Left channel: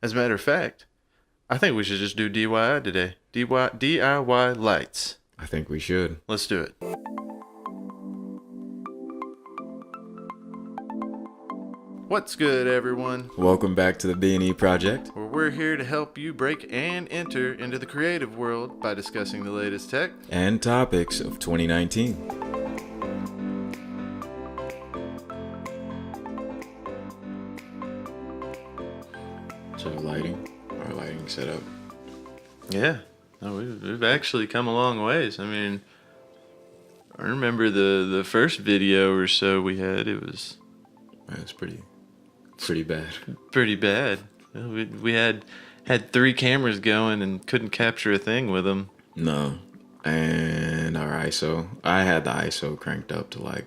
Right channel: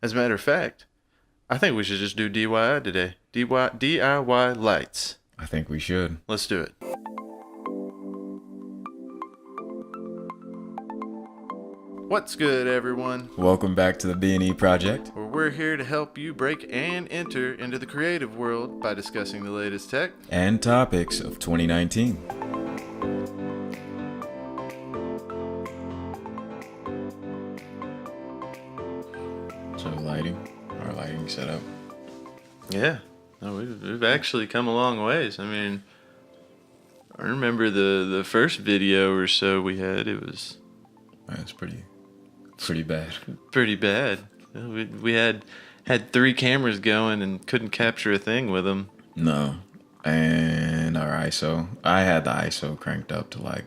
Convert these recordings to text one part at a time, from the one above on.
As a matter of fact, I think we should just do DIY today. DIY lights. I think we should. Let's do it. What's good, everyone? Welcome back to the B&E Project. Where we're here to help you break and enter into the creative world by discussing the latest tech and topics of 2019. So our lighting setup. Yeah, no, we've actually come a long ways. I mean, I remember the first video or so we had. It was pretty bad. Pretty bad. We had 3 cameras going and couldn't capture a thing with them. No, and our ISO. I had the ISO cranked up to like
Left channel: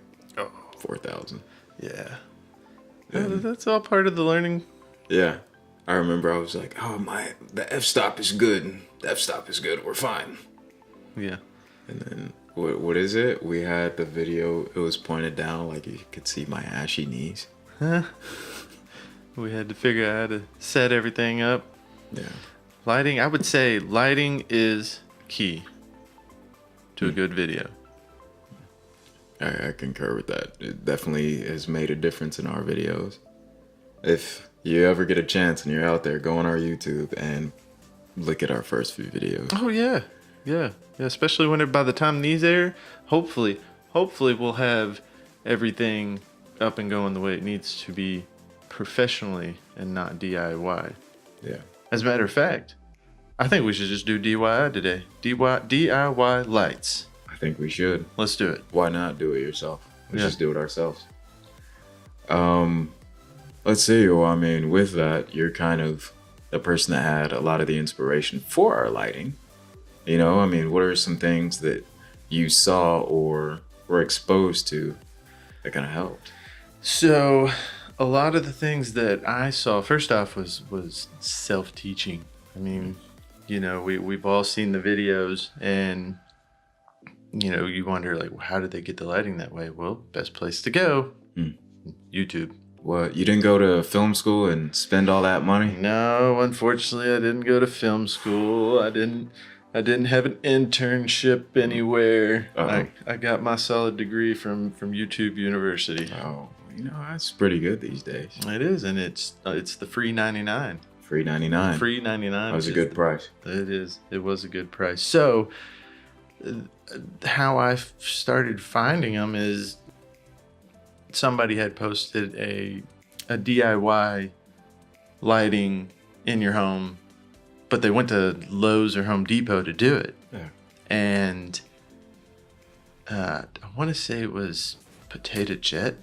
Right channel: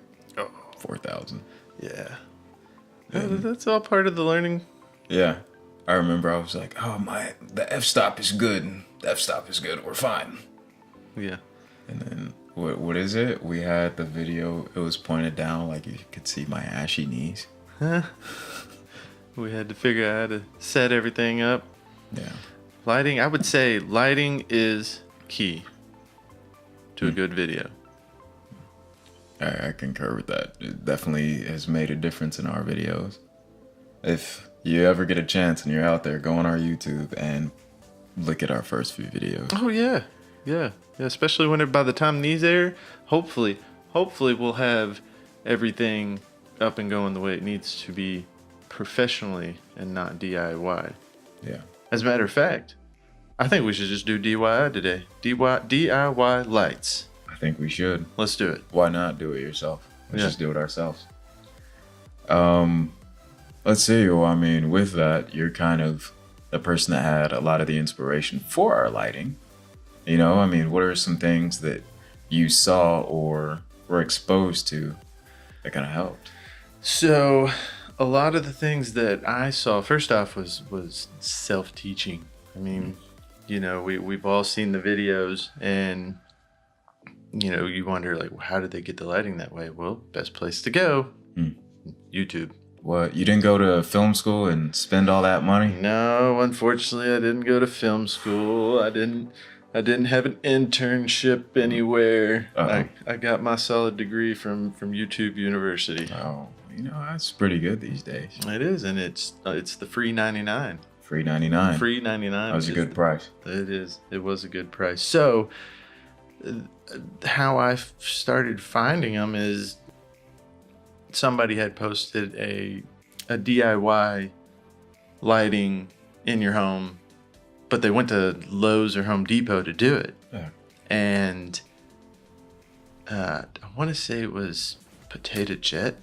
4,000. Yeah, that's all part of the learning. Yeah, I remember I was like, the f-stop is good. The f-stop is good. We're fine. Yeah. And then what is it? We had the video. It was pointed down like you could see my ashy knees. We had to figure out how to set everything up. Yeah. Lighting, I would say lighting is key to a good video. I concur with that. It definitely has made a difference in our videos. If you ever get a chance and you're out there, go on our YouTube and look at our first few videos. Oh yeah. Especially by the time these air, hopefully we'll have everything up and going the way it needs to be, professionally and not DIY. Yeah. As a matter of fact, I think we should just do DIY today. DIY lights. I think we should. Let's do it. Why not do it yourself? Yeah. Just do it ourselves. Let's see. Well, I mean, with that, you're kind of the person that had a lot of the inspiration for our lighting. You know, I mean, what are some things that you saw or were exposed to that kind of helped? So, a lot of the things that I saw, first off, was self-teaching. I mean, you know, we've all seen the videos, and you know, you wonder like, how did they get the lighting that way? Well, best place to go, YouTube. What, you didn't go to film school and spend all that money? No, unfortunately, I didn't go to film school. I didn't have an internship anywhere. Uh-huh. I got my solid degree from YouTube University. Oh, you know, that's pretty good these days. It is, and it's the free 99. Free 99. Free 99. That was a good price. It is. It was a good price. So, how I started finding them is somebody had posted a DIY lighting in your home, but they went to Lowe's or Home Depot to do it. Yeah. And I want to say it was Potato Jet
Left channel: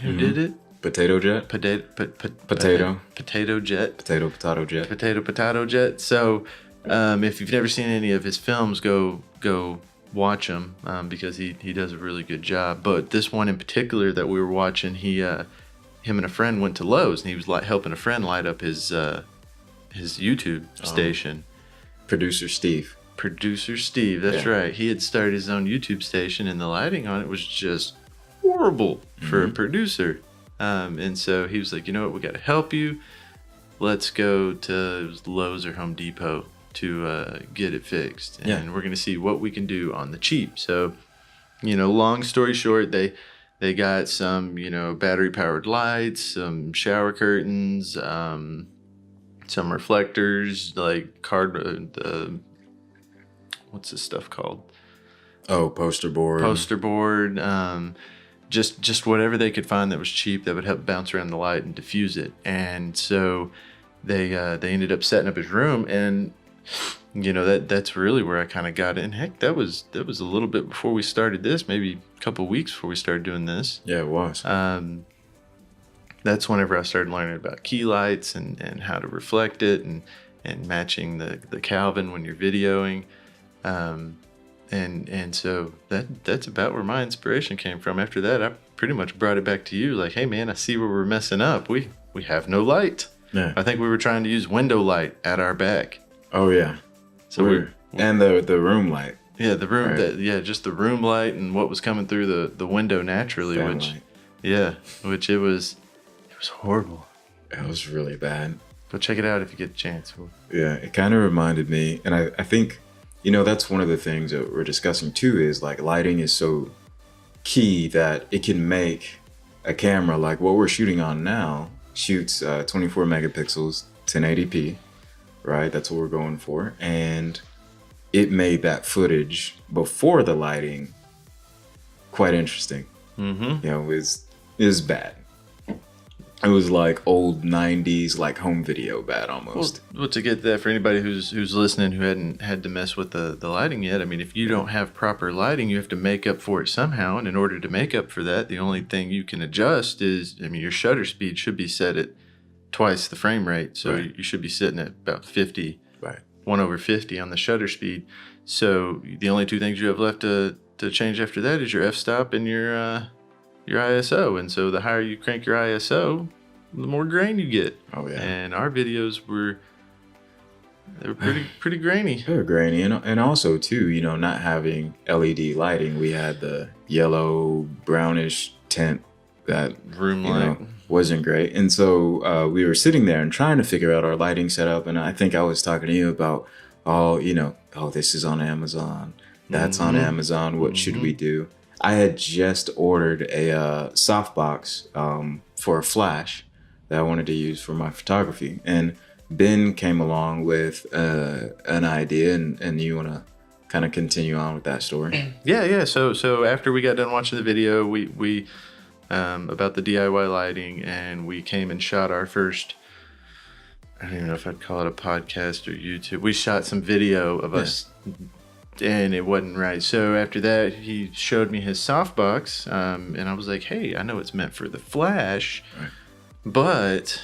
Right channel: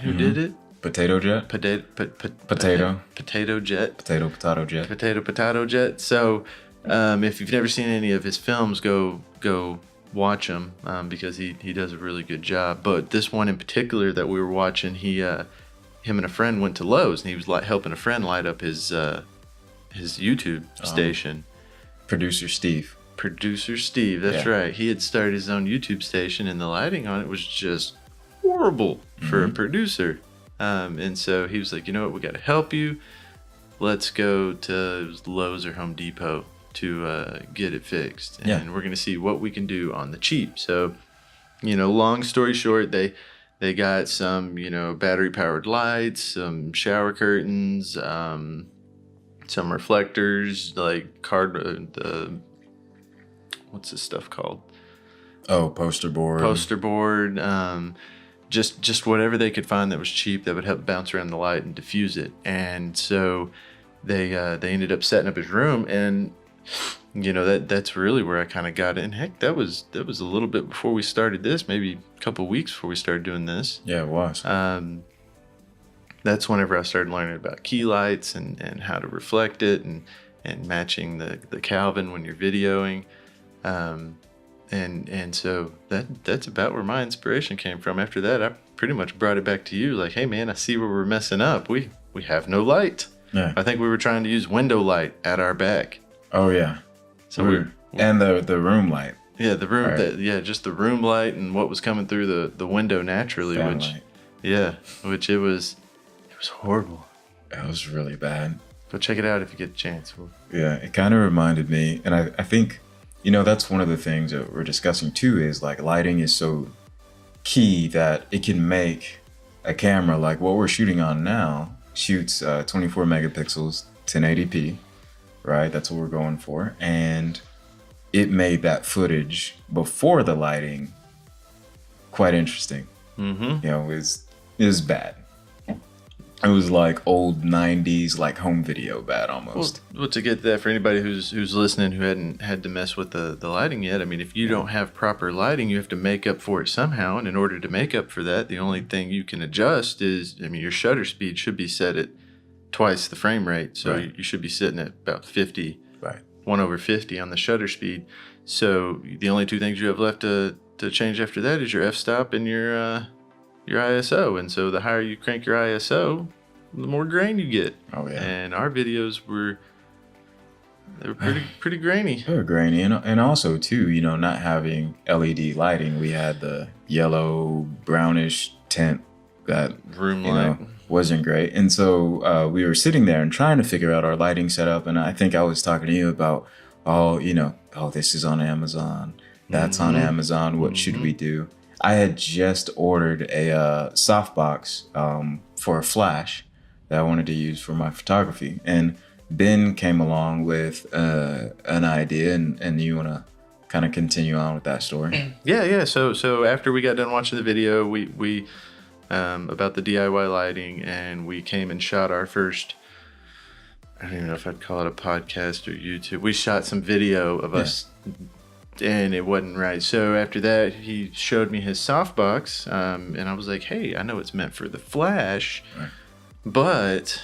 who did it. Potato Jet? Potato Jet. Potato Jet. So if you've never seen any of his films, go watch them because he does a really good job. But this one in particular that we were watching, him and a friend went to Lowe's, and he was helping a friend light up his YouTube station. Producer Steve, that's right. He had started his own YouTube station, and the lighting on it was just horrible for a producer. And so he was like, you know what, we got to help you. Let's go to Lowe's or Home Depot to get it fixed. And we're going to see what we can do on the cheap. So, you know, long story short, they got some, you know, battery powered lights, some shower curtains, some reflectors, like what's this stuff called? Oh, poster board. Just whatever they could find that was cheap that would help bounce around the light and diffuse it. And so they ended up setting up his room, and you know, that's really where I kind of got in. Heck, that was a little bit before we started this, maybe a couple of weeks before we started doing this. Yeah, it was. That's whenever I started learning about key lights and how to reflect it and matching the Kelvin when you're videoing. And so that's about where my inspiration came from. After that, I pretty much brought it back to you. Like, hey man, I see where we're messing up. We have no light. Yeah. I think we were trying to use window light at our back. Oh yeah. So and the room light. Yeah, the room. Right. Just the room light and what was coming through the window naturally, which it was horrible. It was really bad. Go check it out if you get a chance. Yeah, it kind of reminded me, and I think, that's one of the things that we're discussing too, is like lighting is so key that it can make a camera like what we're shooting on now shoots 24 megapixels, 1080p, right? That's what we're going for. And it made that footage before the lighting quite interesting. Mm-hmm. It was bad. It was like old 90s, like home video bad almost. Well, to get that for anybody who's listening who hadn't had to mess with the lighting yet, I mean, if you don't have proper lighting, you have to make up for it somehow. And in order to make up for that, the only thing you can adjust is, your shutter speed should be set at twice the frame rate. So Right. you should be sitting at about 50, Right. 1/50 on the shutter speed. So the only two things you have left to change after that is your f-stop and your ISO. And so the higher you crank your ISO, the more grain you get. Oh, yeah. And our videos were pretty grainy. They were grainy, and also too, not having LED lighting, we had the yellow brownish tint that Room light. wasn't great. And so we were sitting there and trying to figure out our lighting setup, and I think I was talking to you about, this is on Amazon, that's on Amazon, what should we do? I had just ordered a softbox for a flash that I wanted to use for my photography, and Ben came along with an idea, and you want to kind of continue on with that story? Yeah. So after we got done watching the video, we about the DIY lighting, and we came and shot our first, I don't even know if I'd call it a podcast or YouTube. We shot some video of us, and it wasn't right. So after that, he showed me his softbox, and I was like, hey, I know it's meant for the flash, but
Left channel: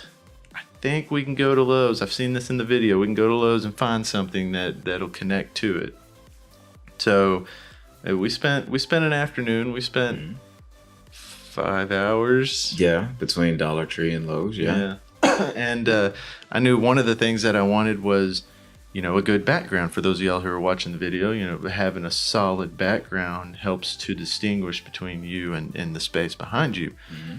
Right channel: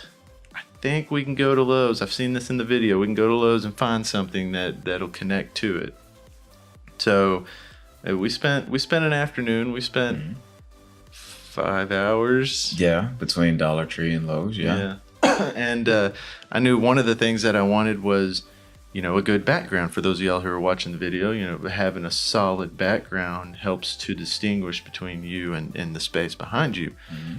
I think we can go to Lowe's. I've seen this in the video. We can go to Lowe's and find something that'll connect to it. So we spent an afternoon. We spent 5 hours. Yeah, between Dollar Tree and Lowe's. Yeah. And I knew one of the things that I wanted was, a good background. For those of y'all who are watching the video, having a solid background helps to distinguish between you and the space behind you.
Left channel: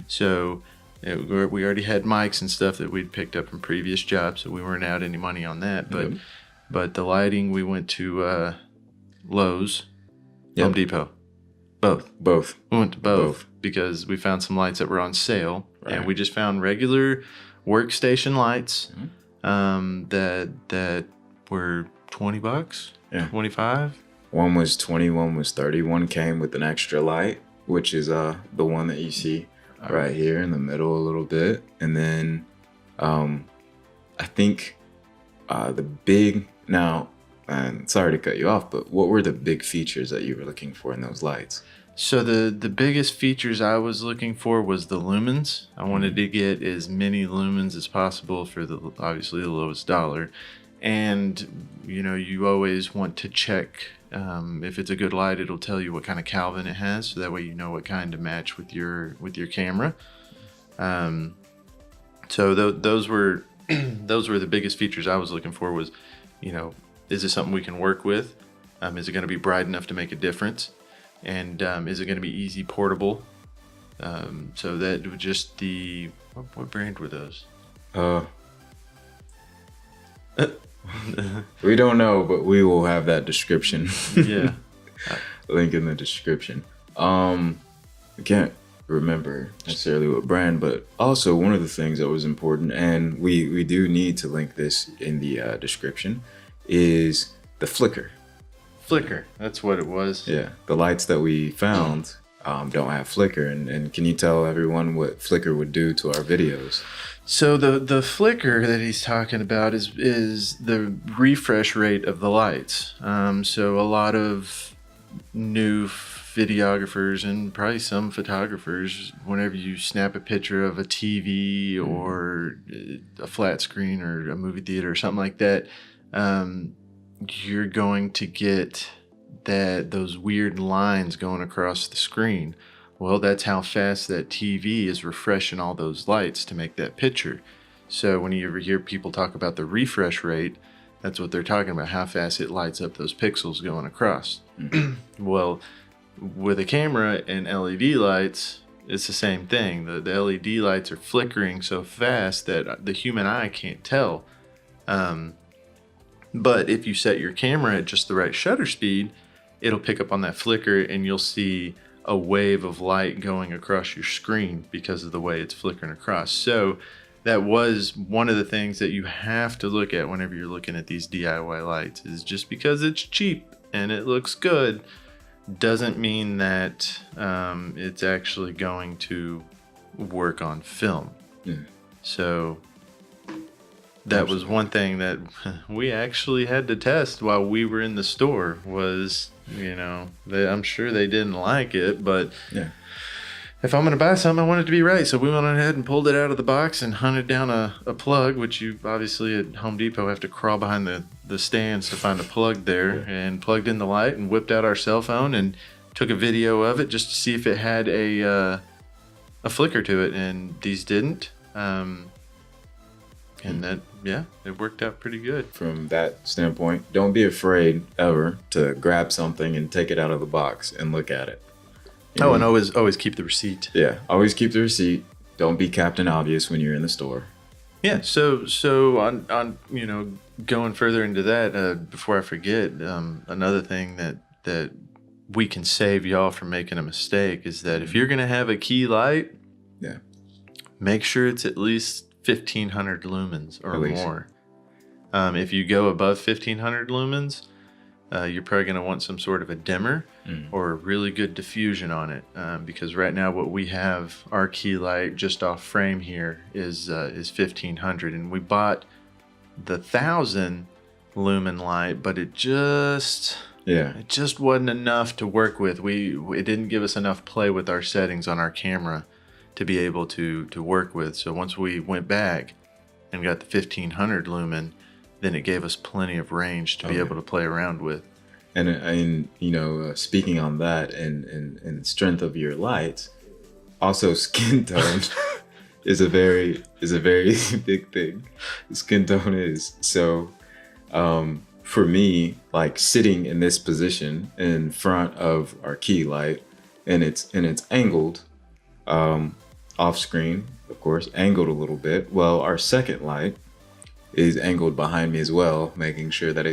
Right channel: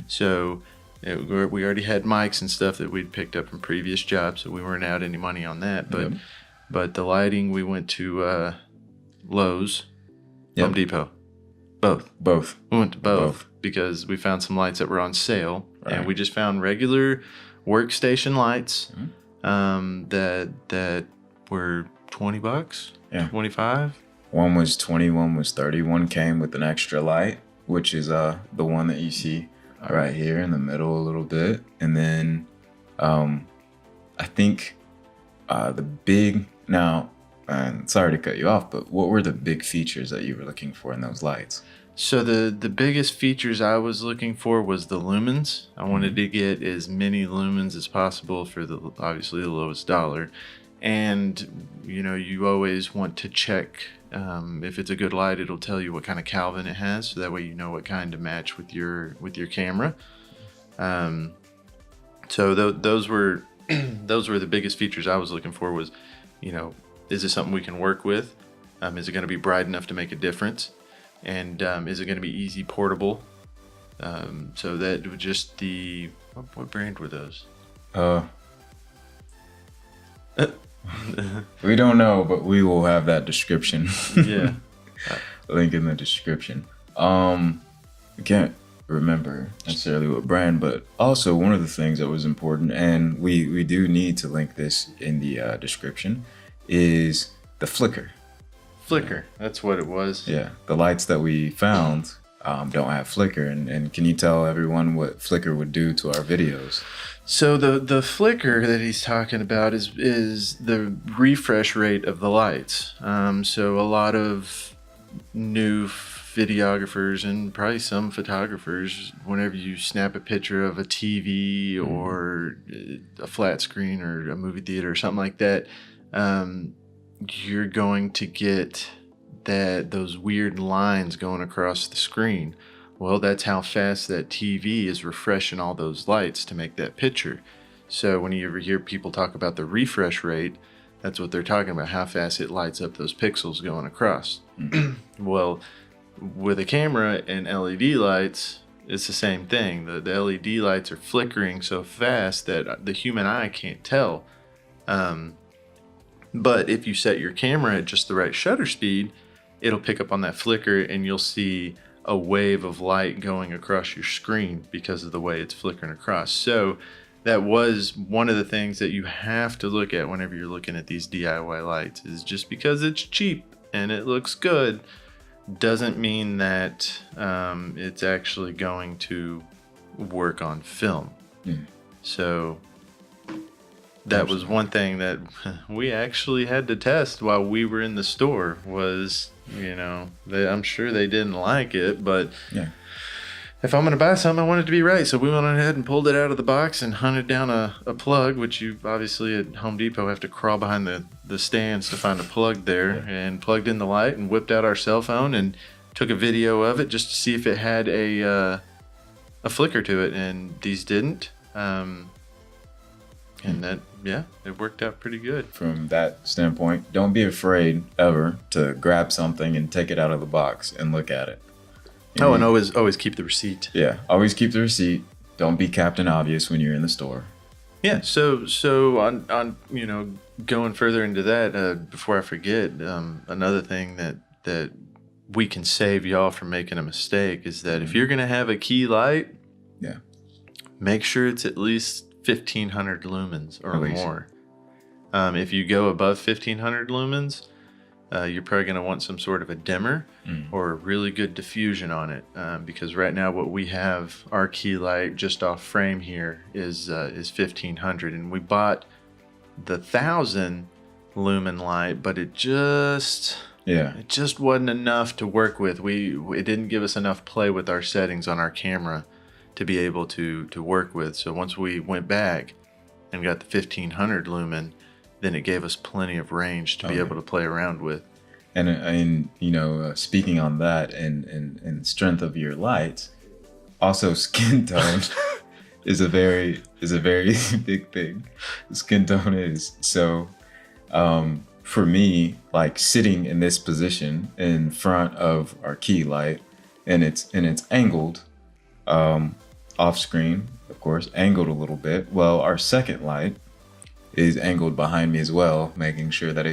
So we already had mics and stuff that we'd picked up from previous jobs, so we weren't out any money on that. But the lighting, we went to Lowe's, Home Depot, both. We went to both because we found some lights that were on sale, and we just found regular workstation lights that were $20, 25. One was 20, one was 30. One came with an extra light, which is the one that you see right here in the middle a little bit. And then I think the big, now, sorry to cut you off, but what were the big features that you were looking for in those lights? So the biggest features I was looking for was the lumens. I wanted to get as many lumens as possible for obviously the lowest dollar. And, you always want to check if it's a good light, it'll tell you what kind of Kelvin it has. So that way you know what kind to match with your camera. So those were the biggest features I was looking for was, is this something we can work with? Is it going to be bright enough to make a difference? And is it going to be easy portable? So that was just what brand were those? We don't know, but we will have that description. Yeah. Link in the description. I can't remember necessarily what brand, but also one of the things that was important, and we do need to link this in the description, is the flicker. Flicker, that's what it was. Yeah, the lights that we found don't have flicker, and can you tell everyone what flicker would do to our videos? So the flicker that he's talking about is the refresh rate of the lights. So a lot of new videographers and probably some photographers, whenever you snap a picture of a TV or a flat screen or a movie theater or something like that, you're going to get those weird lines going across the screen. Well, that's how fast that TV is refreshing all those lights to make that picture. So when you ever hear people talk about the refresh rate, that's what they're talking about, how fast it lights up those pixels going across. Well, with a camera and LED lights, it's the same thing. The LED lights are flickering so fast that the human eye can't tell. But if you set your camera at just the right shutter speed, it'll pick up on that flicker, and you'll see a wave of light going across your screen because of the way it's flickering across. So that was one of the things that you have to look at whenever you're looking at these DIY lights, is just because it's cheap and it looks good doesn't mean that it's actually going to work on film. So that was one thing that we actually had to test while we were in the store. Was, I'm sure they didn't like it, but if I'm going to buy something, I want it to be right. So we went ahead and pulled it out of the box and hunted down a plug, which you obviously at Home Depot have to crawl behind the stands to find a plug there, and plugged in the light and whipped out our cell phone and took a video of it just to see if it had a flicker to it. And these didn't. And that, it worked out pretty good. From that standpoint, don't be afraid ever to grab something and take it out of the box and look at it. Oh, and always keep the receipt. Yeah, always keep the receipt. Don't be Captain Obvious when you're in the store. Yeah, so on going further into that, before I forget, another thing that we can save y'all from making a mistake is that if you're gonna have a key light, make sure it's at least 1,500 lumens or more. If you go above 1,500 lumens, you're probably going to want some sort of a dimmer or a really good diffusion on it, because right now what we have, our key light just off frame here is 1,500, and we bought the 1,000 lumen light, but it just wasn't enough to work with. It didn't give us enough play with our settings on our camera to be able to work with. So once we went back and got the 1,500 lumen, then it gave us plenty of range to be able to play around with. And speaking on that and strength of your lights, also skin tone is a very big thing. Skin tone is so. For me, like sitting in this position in front of our key light, and it's angled, off screen, of course, angled a little bit. Well, our second light is angled behind me as well, making sure that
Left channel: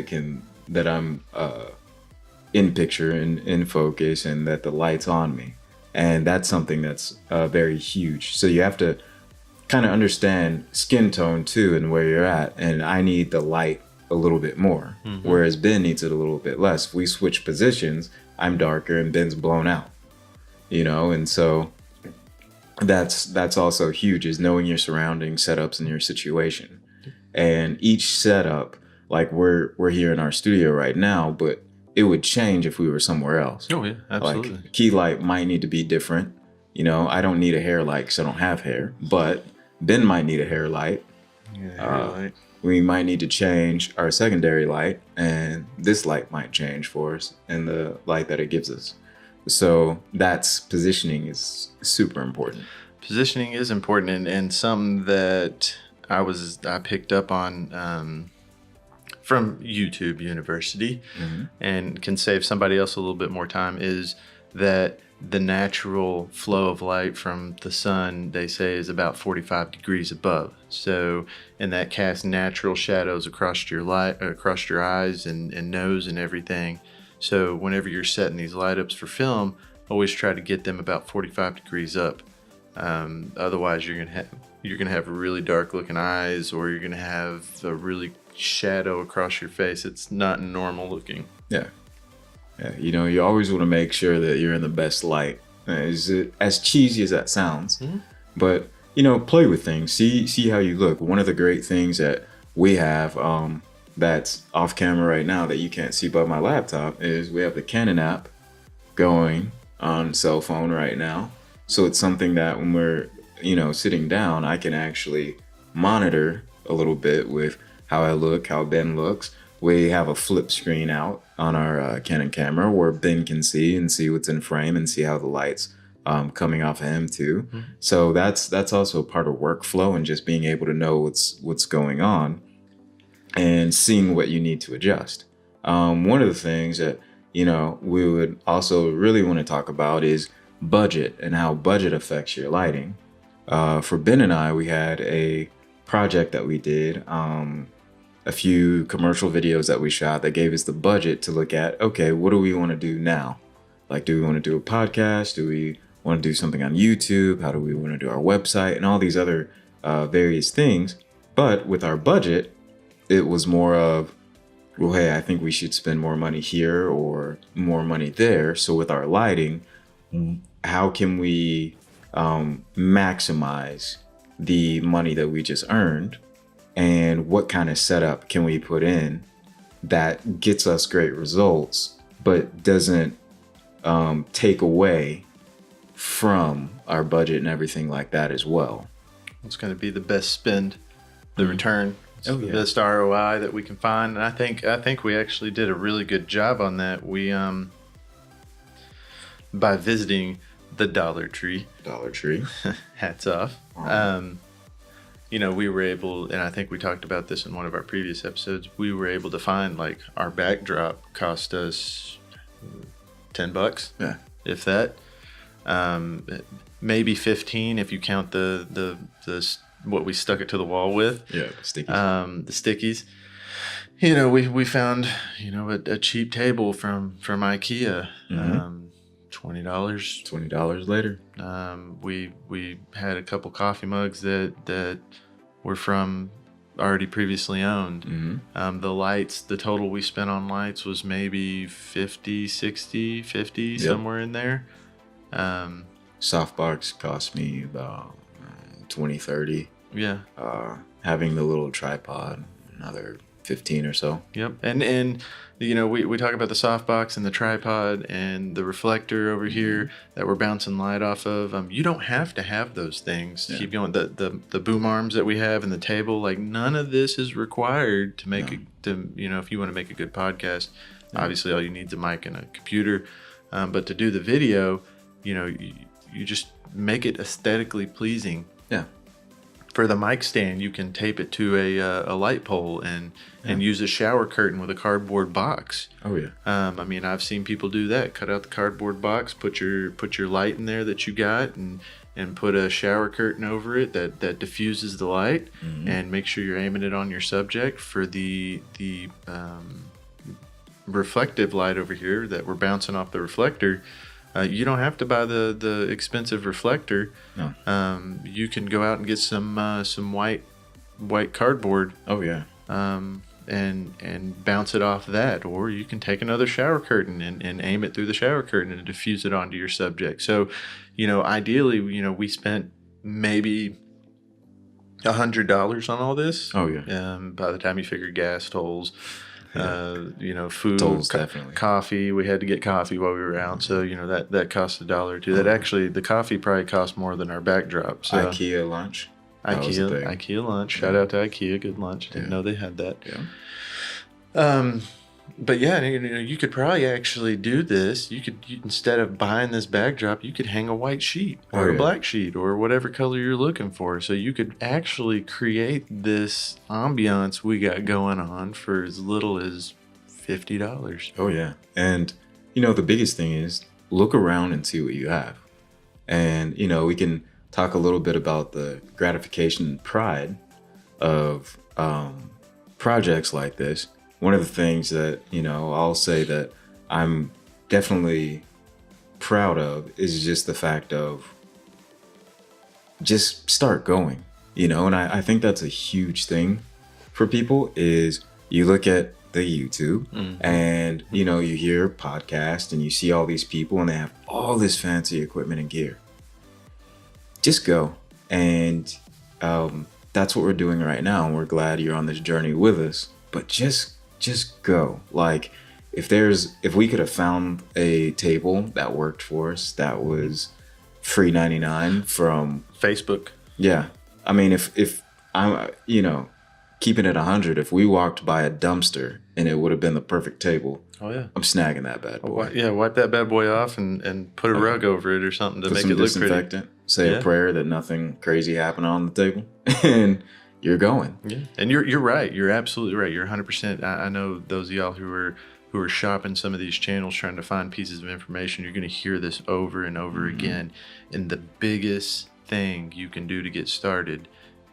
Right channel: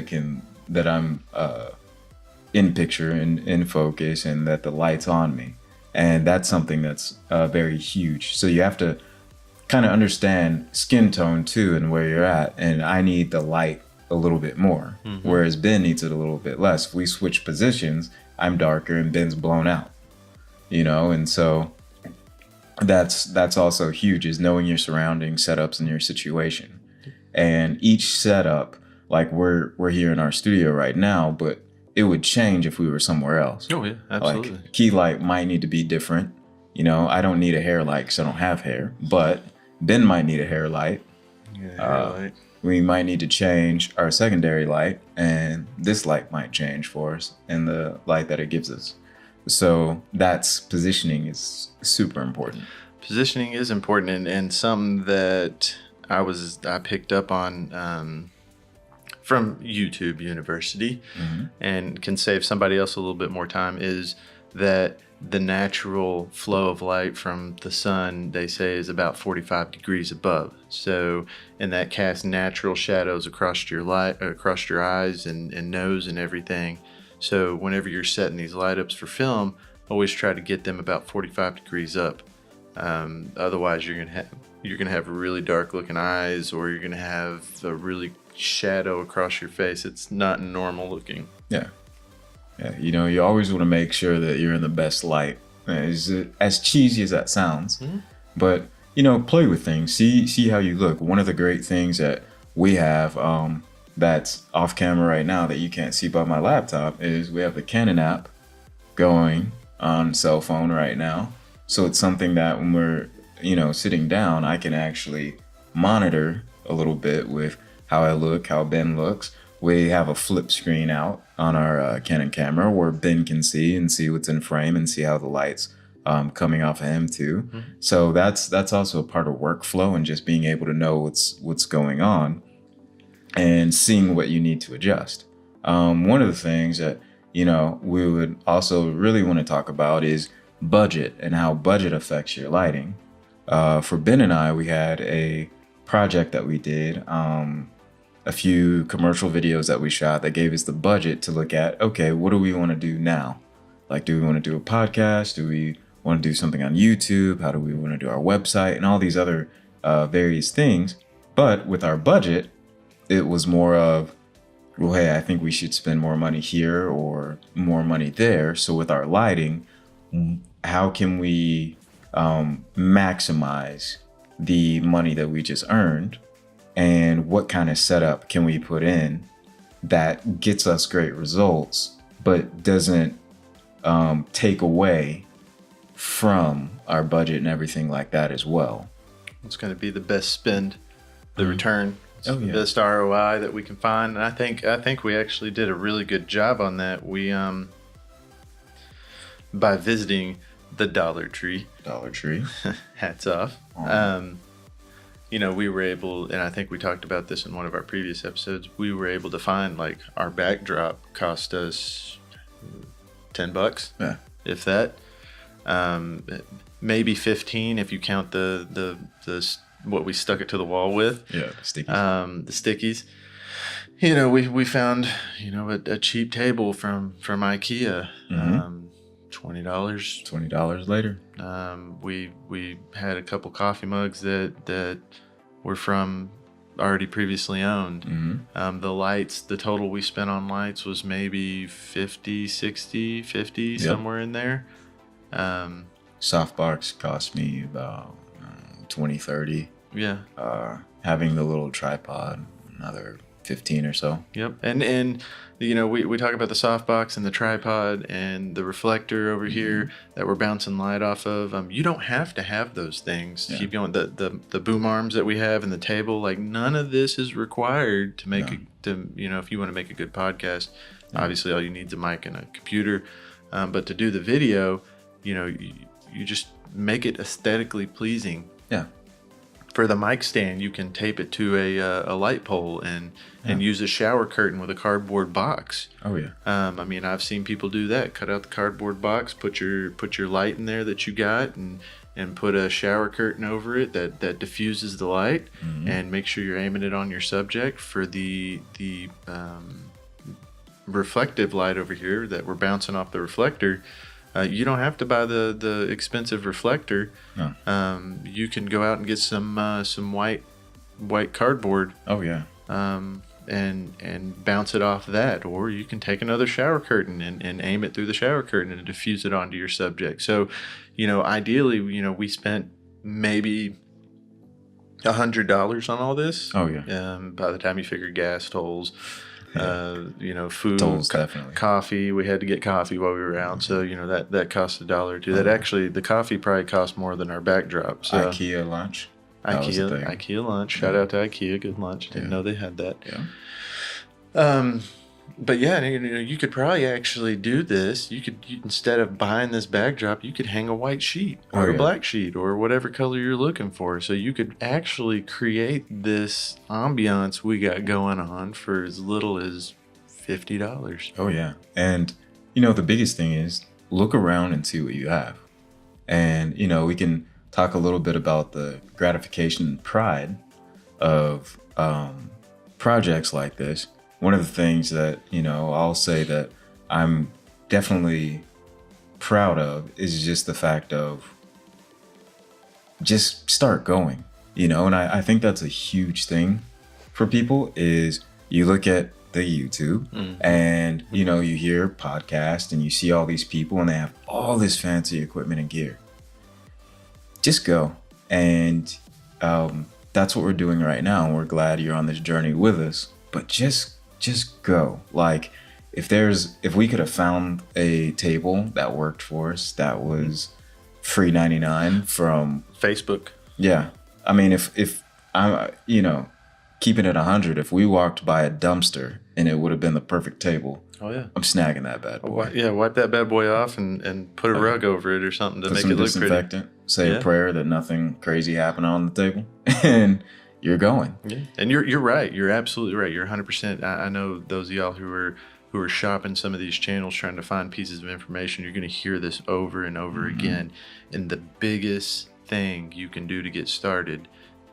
I'm in picture and in focus, and that the light's on me. And that's something that's very huge. So you have to kind of understand skin tone too, and where you're at. And I need the light a little bit more, whereas Ben needs it a little bit less. If we switch positions, I'm darker and Ben's blown out. And so that's also huge, is knowing your surroundings, setups, and your situation. And each setup, like we're here in our studio right now, but it would change if we were somewhere else. Oh yeah, absolutely. Like, key light might need to be different. I don't need a hair light because I don't have hair, but Ben might need a hair light. Yeah, hair light. We might need to change our secondary light, and this light might change for us, and the light that it gives us. So positioning is super important. Positioning is important, and something that I picked up on from YouTube University, and can save somebody else a little bit more time, is that the natural flow of light from the sun, they say, is about 45 degrees above. So, and that casts natural shadows across your eyes and nose and everything. So whenever you're setting these light ups for film, always try to get them about 45 degrees up. Otherwise you're gonna have really dark looking eyes, or you're gonna have a really shadow across your face. It's not normal looking. Yeah, you always want to make sure that you're in the best light. As cheesy as that sounds, but play with things, see how you look. One of the great things that we have, that's off camera right now that you can't see by my laptop, is we have the Canon app going on cell phone right now. So it's something that when we're sitting down, I can actually monitor a little bit with how I look, how Ben looks. We have a flip screen out on our Canon camera where Ben can see what's in frame and see how the light's coming off of him too. So that's also a part of workflow, and just being able to know what's going on and seeing what you need to adjust. One of the things that we would also really want to talk about is budget and how budget affects your lighting. For Ben and I, we had a project that we did, a few commercial videos that we shot that gave us the budget to look at, okay, what do we want to do now? Like, do we want to do a podcast? Do we want to do something on YouTube? How do we want to do our website? And all these other various things. But with our budget, it was more of, well, hey, I think we should spend more money here or more money there. So with our lighting, how can we maximize the money that we just earned? And what kind of setup can we put in that gets us great results, but doesn't take away from our budget and everything like that as well? It's going to be the best spend, the return. It's the yeah. best ROI that we can find, and I think we actually did a really good job on that. We by visiting the Dollar Tree. Hats off. We were able, and I think we talked about this in one of our previous episodes, we were able to find, like, our backdrop cost us $10, if that. Maybe 15 if you count the what we stuck it to the wall with. Stickies. The stickies. We found, a cheap table from IKEA. $20. $20 later. We had a couple coffee mugs that were from already previously owned. The lights, the total we spent on lights was maybe 50, 60, 50, somewhere in there. Softbox cost me about 20, 30. Yeah. Having the little tripod, another 15 or so. Yep. And we talk about the softbox and the tripod and the reflector over here that we're bouncing light off of. You don't have to have those things to keep going. The boom arms that we have and the table, like, none of this is required to make if you want to make a good podcast. Obviously, all you need is a mic and a computer. But to do the video, you just make it aesthetically pleasing. Yeah. For the mic stand, you can tape it to a light pole and use a shower curtain with a cardboard box. Oh yeah. I've seen people do that. Cut out the cardboard box, put your light in there that you got, and put a shower curtain over it that diffuses the light, and make sure you're aiming it on your subject. For the reflective light over here that we're bouncing off the reflector, you don't have to buy the expensive reflector. No. You can go out and get some white cardboard. Oh yeah. And bounce it off that, or you can take another shower curtain and aim it through the shower curtain and diffuse it onto your subject. So, ideally, we spent maybe $100 on all this. Oh yeah. By the time you figure gas, tolls, food, Tolls, coffee. We had to get coffee while we were out, so that cost $1 or $2. That actually, the coffee probably cost more than our backdrop. So IKEA lunch. IKEA lunch. Shout out to IKEA. Good lunch. Didn't know they had that. But yeah, you could probably actually do this. You instead of buying this backdrop, you could hang a white sheet or a black sheet or whatever color you're looking for. So you could actually create this ambiance we got going on for as little as $50. Oh yeah. And the biggest thing is look around and see what you have. And we can talk a little bit about the gratification and pride of projects like this. One of the things that, I'll say that I'm definitely proud of is just the fact of just start going, and I think that's a huge thing for people is you look at the YouTube and, you hear podcasts and you see all these people and they have all this fancy equipment and gear. Just go. And that's what we're doing right now. We're glad you're on this journey with us, but just go. Like, if we could have found a table that worked for us that was free 99 from Facebook. Yeah. If I'm, keeping it 100, if we walked by a dumpster and it would have been the perfect table. Oh yeah. I'm snagging that bad boy. Wipe that bad boy off and put a rug over it or something to make it look pretty. Say a prayer that nothing crazy happened on the table, and you're going. Yeah, and you're right. You're absolutely right. You're 100%. I know those of y'all who are who are shopping some of these channels trying to find pieces of information, you're going to hear this over and over again. And the biggest thing you can do to get started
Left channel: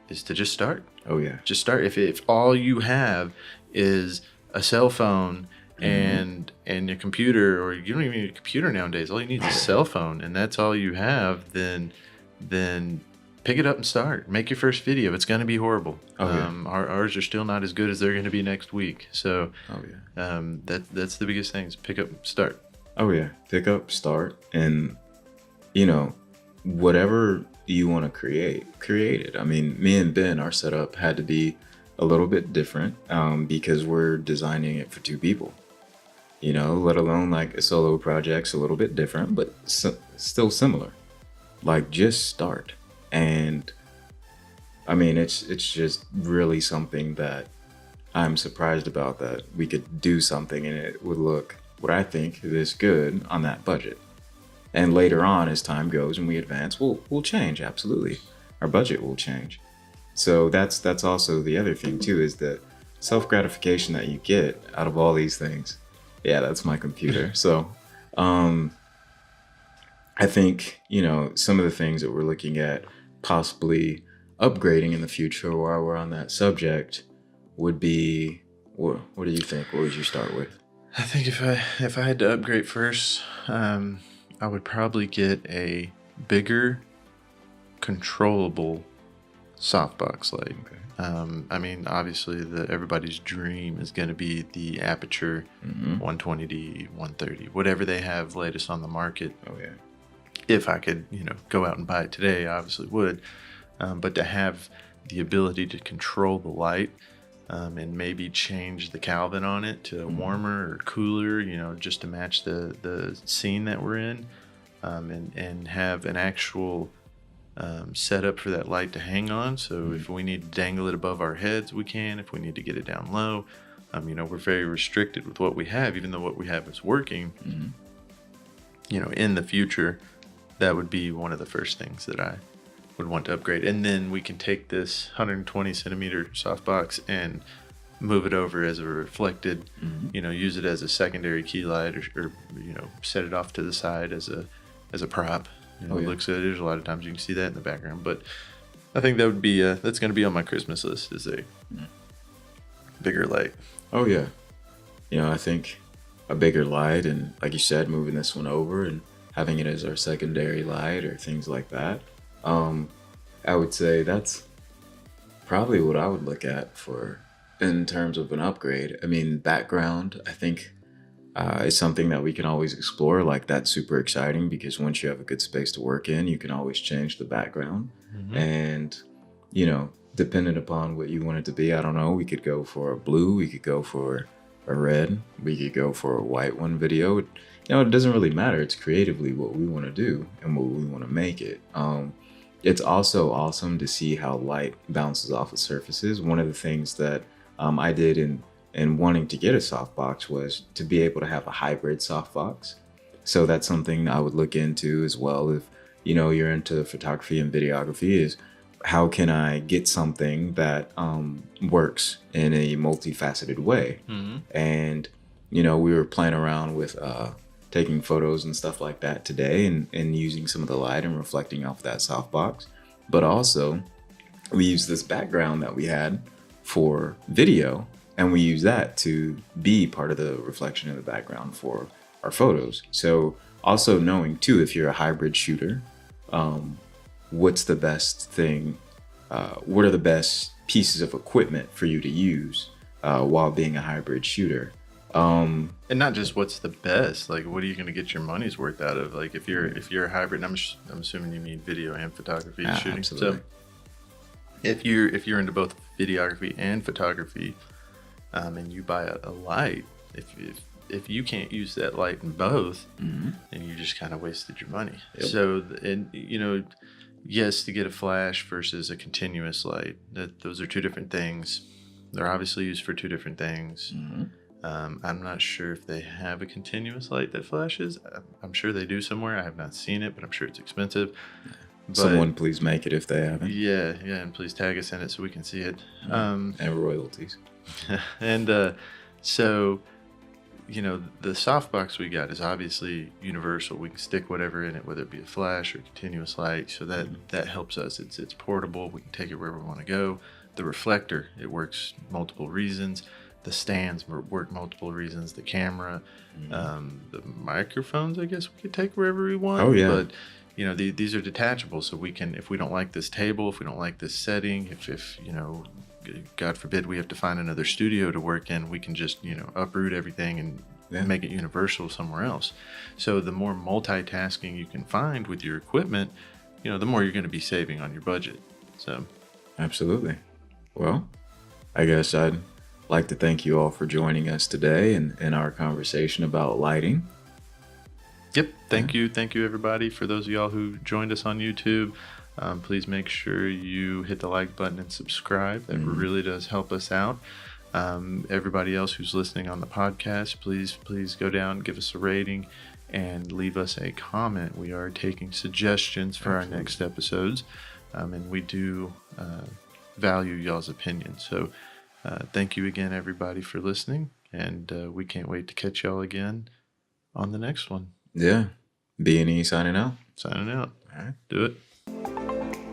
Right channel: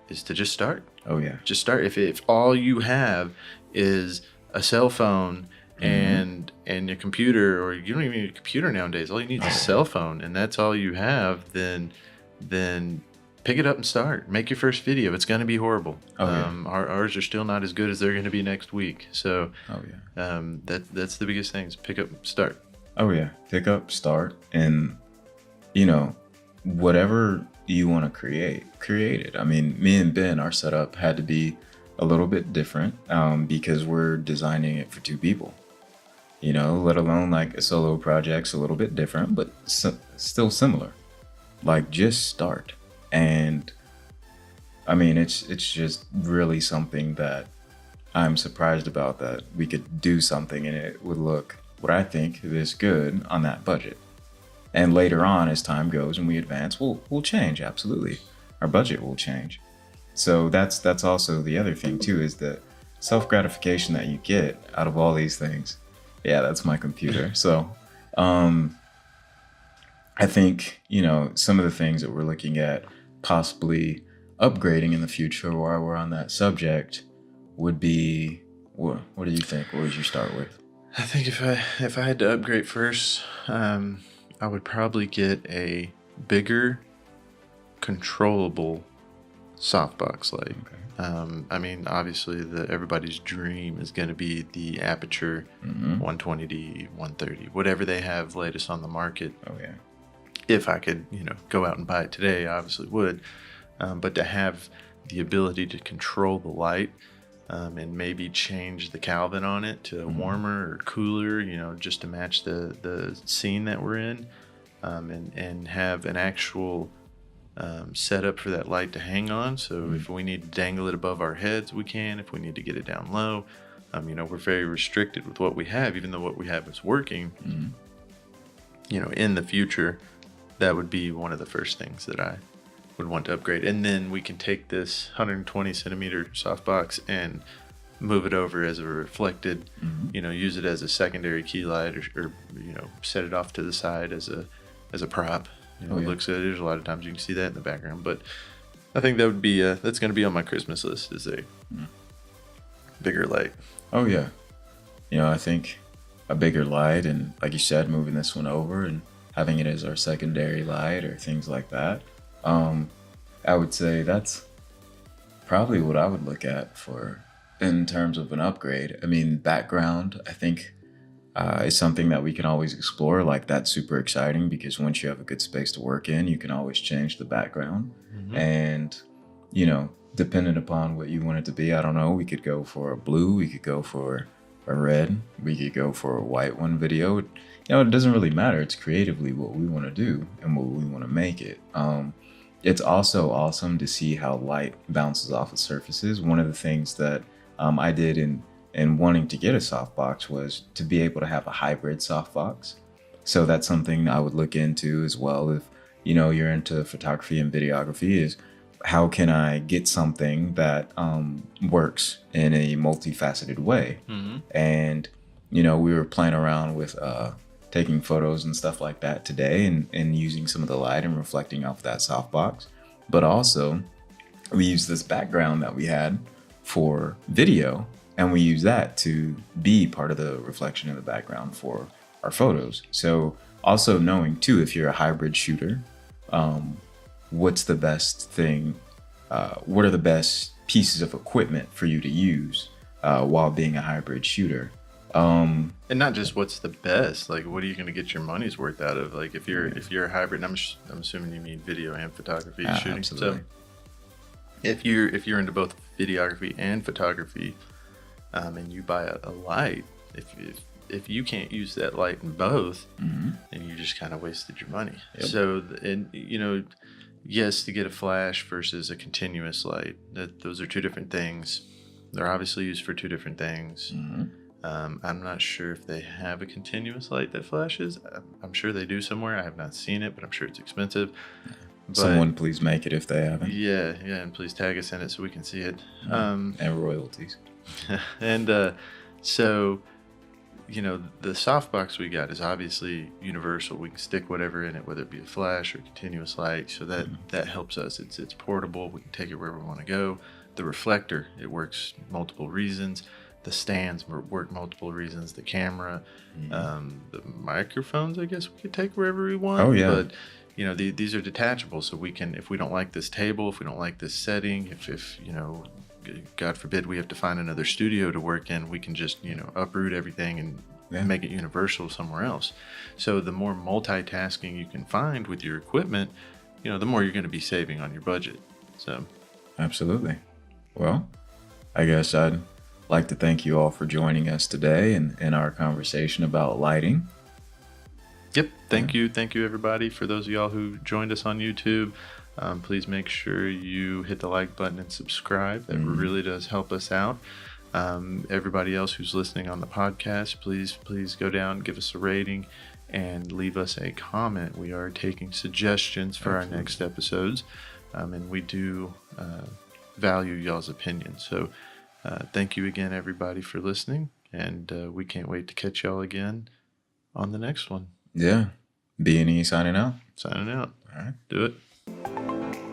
is to just start. Oh yeah. Just start. If all you have is a cell phone and your computer, or you don't even need a computer nowadays, all you need is a cell phone, and that's all you have, then pick it up and start. Make your first video. It's going to be horrible. Okay. Ours are still not as good as they're going to be next week. So that's the biggest thing is pick up, start. Oh yeah, pick up, start, and whatever you want to create it. I mean, me and Ben, our setup had to be a little bit different because we're designing it for two people. Let alone like a solo project's a little bit different, but still similar. Like, just start. And I mean, it's just really something that I'm surprised about, that we could do something and it would look what I think is good on that budget. And later on, as time goes and we advance, we'll change. Absolutely, our budget will change. So that's also the other thing too, is the self-gratification that you get out of all these things. Yeah, that's my computer. So I think some of the things that we're looking at possibly upgrading in the future while we're on that subject would be, what do you think? What would you start with? I think if I had to upgrade first, I would probably get a bigger, controllable softbox light. I mean, obviously, everybody's dream is going to be the Aperture 120D, 130, whatever they have latest on the market. Oh yeah. If I could, go out and buy it today, I obviously would. But to have the ability to control the light and maybe change the Kelvin on it to warmer or cooler, just to match the scene that we're in, and have an actual setup for that light to hang on. So if we need to dangle it above our heads, we can. If we need to get it down low, we're very restricted with what we have, even though what we have is working. In the future, that would be one of the first things that I would want to upgrade. And then we can take this 120 centimeter softbox and move it over as a reflected, use it as a secondary key light, or set it off to the side as a prop. It looks good. There's a lot of times you can see that in the background, but I think that would be that's going to be on my Christmas list, is a bigger light. Oh yeah. I think a bigger light, and like you said, moving this one over and having it as our secondary light or things like that. I would say that's probably what I would look at for in terms of an upgrade. I mean, background, I think is something that we can always explore. Like, that's super exciting because once you have a good space to work in, you can always change the background. And depending upon what you want it to be, I don't know, we could go for a blue, we could go for a red, we could go for a white one video. It doesn't really matter. It's creatively what we want to do and what we want to make it. It's also awesome to see how light bounces off of surfaces. One of the things that I did in wanting to get a softbox was to be able to have a hybrid softbox. So that's something I would look into as well. If you're into photography and videography, is how can I get something that works in a multifaceted way? And we were playing around with taking photos and stuff like that today, and using some of the light and reflecting off that softbox. But also, we used this background that we had for video, and we use that to be part of the reflection in the background for our photos. So also knowing too, if you're a hybrid shooter, what's the best thing, what are the best pieces of equipment for you to use while being a hybrid shooter? And not just what's the best, like what are you going to get your money's worth out of? Like if you're a hybrid, and I'm assuming you mean video and photography shooting. Absolutely. So if you're into both videography and photography, and you buy a light, if you can't use that light in both, then you just kind of wasted your money. Yep. So yes, to get a flash versus a continuous light, those are two different things. They're obviously used for two different things. I'm not sure if they have a continuous light that flashes. I'm sure they do somewhere. I have not seen it, but I'm sure it's expensive. But someone please make it if they have it. Yeah, and please tag us in it so we can see it. And royalties. And so the softbox we got is obviously universal. We can stick whatever in it, whether it be a flash or continuous light. So that helps us. It's portable. We can take it wherever we want to go. The reflector, it works multiple reasons. The stands work multiple reasons. The camera, the microphones, I guess we could take wherever we want. Oh, yeah. But these are detachable, so we can, if we don't like this table, if we don't like this setting, if God forbid we have to find another studio to work in, we can just uproot everything and make it universal somewhere else. So the more multitasking you can find with your equipment, the more you're going to be saving on your budget. So absolutely. Well, I guess I'd like to thank you all for joining us today in our conversation about lighting. Yep. Thank you everybody. For those of y'all who joined us on YouTube, please make sure you hit the like button and subscribe. That really does help us out. Everybody else who's listening on the podcast, please go down, give us a rating, and leave us a comment. We are taking suggestions for our next episodes, and we do value y'all's opinion. So thank you again, everybody, for listening, and we can't wait to catch y'all again on the next one. Yeah. B&E signing out. Signing out. All right. Do it.